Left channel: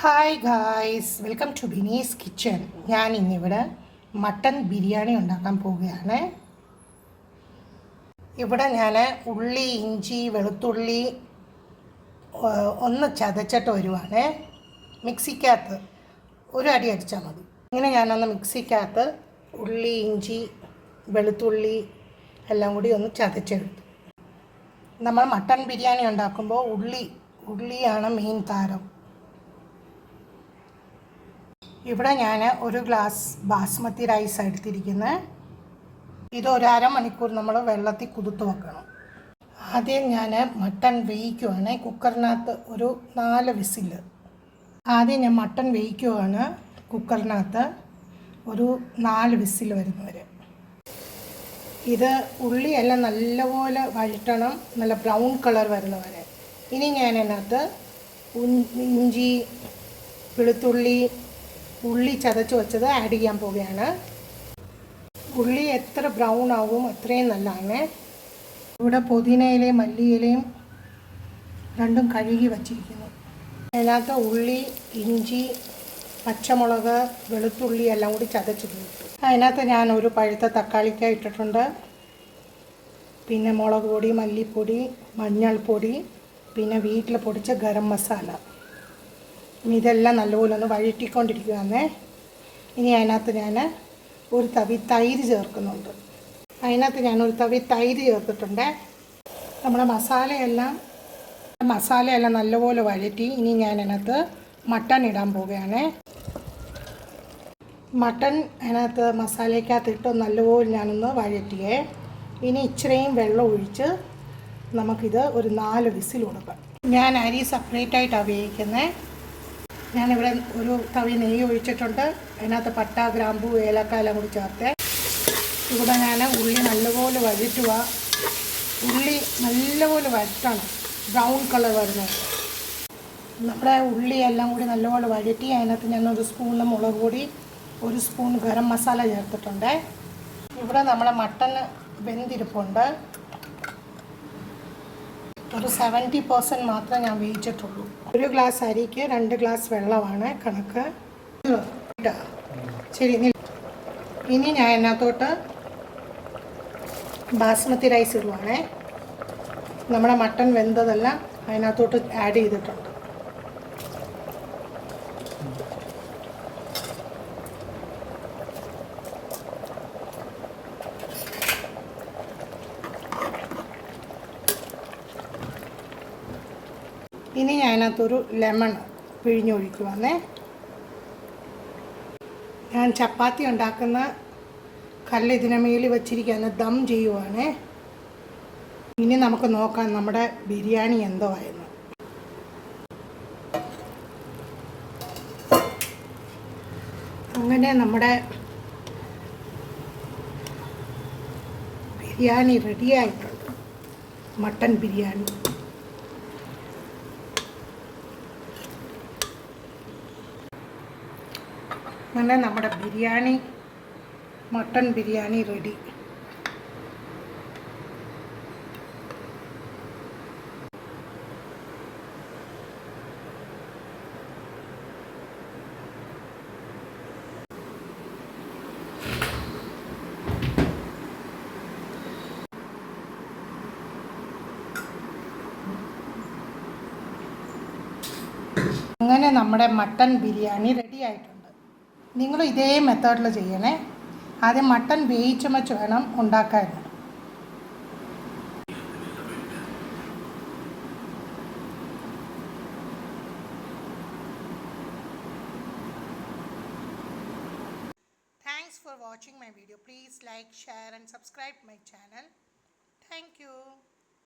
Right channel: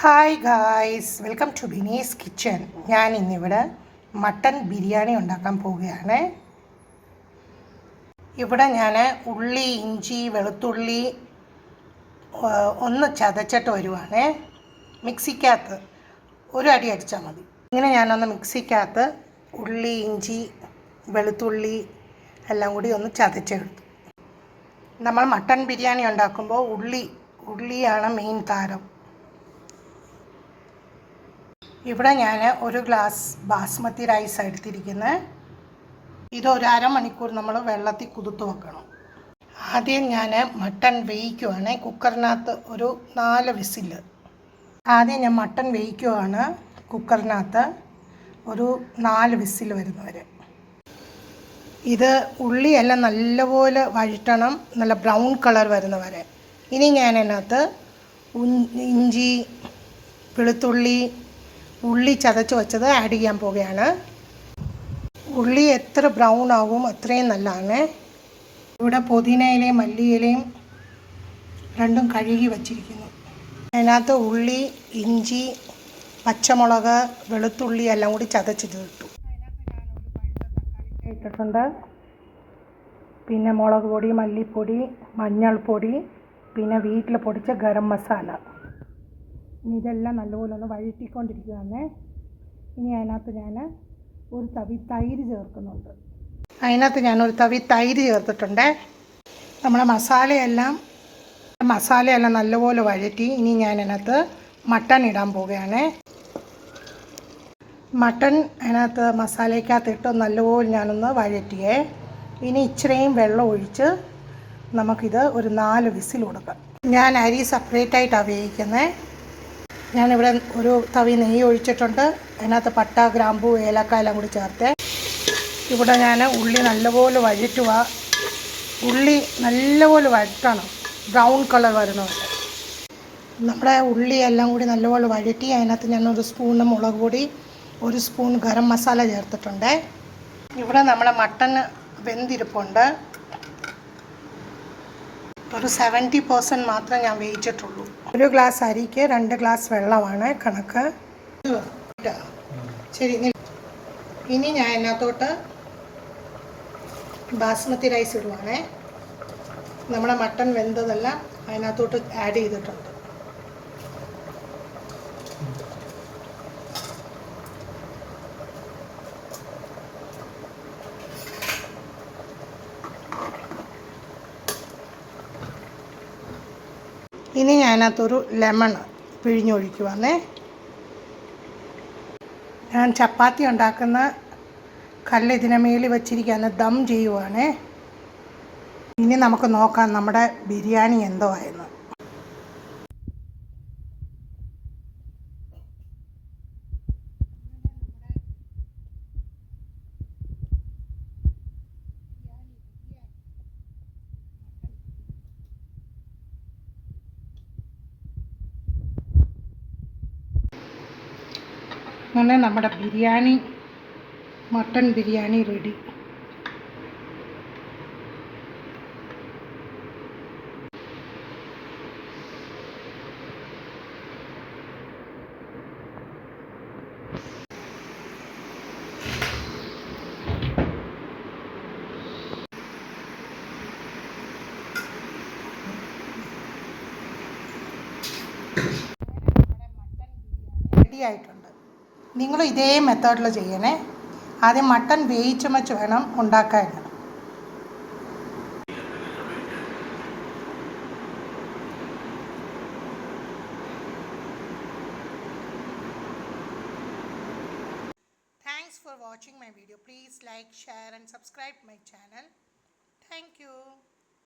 Hi guys, welcome to Bini's kitchen. ഞാൻ ഇന്നിവിടെ mutton biryani ഉണ്ടാക്കാൻ പോവുകയാണ്. ഇവിടെ ഞാൻ ഉള്ളി, ഇഞ്ചി, വെളുത്തുള്ളി ഒന്ന് ചതച്ചിട്ട് വരുവാണ്. മിക്സിക്കകത്ത് ഒരു അടി അടിച്ചാൽ മതി. ഇങ്ങനെ ഞാനൊന്ന് മിക്സിക്കകത്ത് ഉള്ളി, ഇഞ്ചി, വെളുത്തുള്ളി എല്ലാം കൂടി ഒന്ന് ചതച്ചെടുത്തു. നമ്മൾ മട്ടൻ ബിരിയാണി ഉണ്ടാക്കുമ്പോൾ ഉള്ളിയാണ് മെയിൻ താരം. ഇവിടെ ഞാൻ ഒരു ഗ്ലാസ് ബാസ്മതി റൈസ് എടുത്തിരിക്കുന്നത്. ഇത് ഒരു അരമണിക്കൂർ നമ്മൾ വെള്ളത്തിൽ കുതിർത്ത് വെക്കണം. ആദ്യം ഞാൻ മട്ടൺ വേവിക്കുവാണ്. കുക്കറിനകത്ത് ഒരു 4 വിസിൽ. ആദ്യം ഞാൻ മട്ടൺ വേവിക്കുവാണ് കുക്കറിനകത്ത് ഒരു 4 വിസിൽ വരുന്നവരെ. ഇത് ഉള്ളിയെല്ലാം നല്ലപോലെ വഴറ്റണം, നല്ല ബ്രൗൺ കളർ വരുന്നവരെ. ഇനി ഞാൻ അതിനകത്ത് ഇഞ്ചി, വെളുത്തുള്ളി, ഉള്ളി ചതച്ച് വെച്ചത് ആഡ് ചെയ്യാൻ പോവുകയാണ്. ഉള്ളി എത്ര ബ്രൗൺ ആവും അത്രയും നല്ലതാണ്. ഇവിടെ പുതിനയിലയും മല്ലിയിലയും രണ്ടും കഴുകി വച്ചിരിക്കുന്നു. അതിനകത്ത് ഉള്ളി, ഇഞ്ചി, പച്ചമുളക്, വെളുത്തുള്ളി എല്ലാം കൂടി ചതച്ചത് ഇട്ടു. അതിനകത്ത് ഞാൻ ഒരു പഴുത്ത തക്കാളിക്ക ഇട്ടിട്ടുണ്ട്. പിന്നെ മുളക് പൊടി, മല്ലിപ്പൊടി, മഞ്ഞൾപ്പൊടി, പിന്നെ വീട്ടിൽ പൊടിച്ച ഗരം മസാല. ഇതെല്ലാം നല്ലപോലെ ഒന്ന് വഴറ്റിക്കൊണ്ടിരിക്കുകയാണ്. ഇനി അതിനകത്ത് ഞാൻ ഒരു തവി തൈര് ചേർക്കുന്നുണ്ട്. അതിനകത്ത് ഞാനൊരു തവി തൈര് ചേർത്തിട്ടുണ്ട്. നമ്മുടെ മസാലയെല്ലാം നല്ലപോലെ വഴറ്റി. ഇനി ഞാൻ അതിനകത്ത് മട്ടൺ ഇടാൻ പോവുകയാണ്. മട്ടൺ അതിനകത്ത് മസാലയ്ക്കകത്തിട്ട് നല്ലപോലെ ഞാനൊന്ന് വഴറ്റിയേ. ഇനി ഇച്ചിരിയും വെള്ളം ഒഴിച്ച് നമുക്കിത് ഒരു 4 വിസിൽ കൊടുക്കാം. ഞാൻ അരി സെപ്പറേറ്റായിട്ടാണ് വേവിക്കുന്നത്. ഞാനിവിടെ ഒരു തവി നെയ്യ് ഒഴിച്ചിട്ടുണ്ട്. അതിനകത്ത് പട്ട, ഗ്രാമ്പൂ, ഏലക്ക എല്ലാം കൂടി ചേർത്ത് ഇവിടെ ഞാൻ ഉള്ളി നല്ലപോലെ വഴറ്റുക. ഉള്ളി നല്ലപോലെ വഴറ്റണം, ബ്രൗൺ കളർ വരുന്നുണ്ട്. നമ്മുടെ ഉള്ളി എല്ലാം കൂടി നല്ലപോലെ വഴറ്റി അതിനകത്ത് ഞാൻ ഒരു സ്പൂൺ മുളക് പൊടി, ഒരു സ്പൂൺ ഗരം മസാല ചേർത്തിട്ടുണ്ട്. ഇവിടെ നമ്മുടെ മട്ടൺ വെന്തിരിപ്പുണ്ട്. ഒരു 70% മാത്രമേ ഞാൻ വേവിച്ചിട്ടുള്ളൂ. ഒരു ഗ്ലാസ് അരിക്ക് 2 ഗ്ലാസ് വെള്ളമാണ് കണക്ക്. ശരി, ഇനി ഞാൻ അതിനകത്തോട്ട് ബാസ്മതി റൈസ് ഇടുവാണേ. നമ്മുടെ മട്ടൺ വെന്തതെല്ലാം അതിനകത്തോട്ട് ആഡ് ചെയ്തിട്ടുണ്ട്. ഇനി ഞാനകത്തൊരു ലെമൺ പിഴിഞ്ഞൊഴിക്കുവാന്നേ. ഞാൻ ചപ്പാത്തി ഉണ്ടാക്കുന്ന കല്ല് ഇതിനെ മേളിൽ വെച്ചിരിക്കുകയാണ്, ദം ചെയ്യുവാണേ. ഇനി നമുക്ക് നോക്കാം നമ്മുടെ ബിരിയാണി എന്തോ ആയെന്ന്. അങ്ങനെ നമ്മുടെ ബിരിയാണി റെഡിയായിട്ടുണ്ട്. മട്ടൻ ബിരിയാണി. അങ്ങനെ നമ്മുടെ മട്ടൺ ബിരിയാണി റെഡി. അങ്ങനെ നമ്മുടെ മട്ടൺ ബിരിയാണി റെഡി ആയിട്ടുണ്ട്. നിങ്ങൾ ഇതേ മെത്തേഡിൽ ചെയ്യണേ. ആദ്യം മട്ടൺ വേവിച്ച് വെച്ച് വേണം ഉണ്ടാക്കാൻ. Thanks for watching my video. Please like, share and subscribe my channel. Thank you.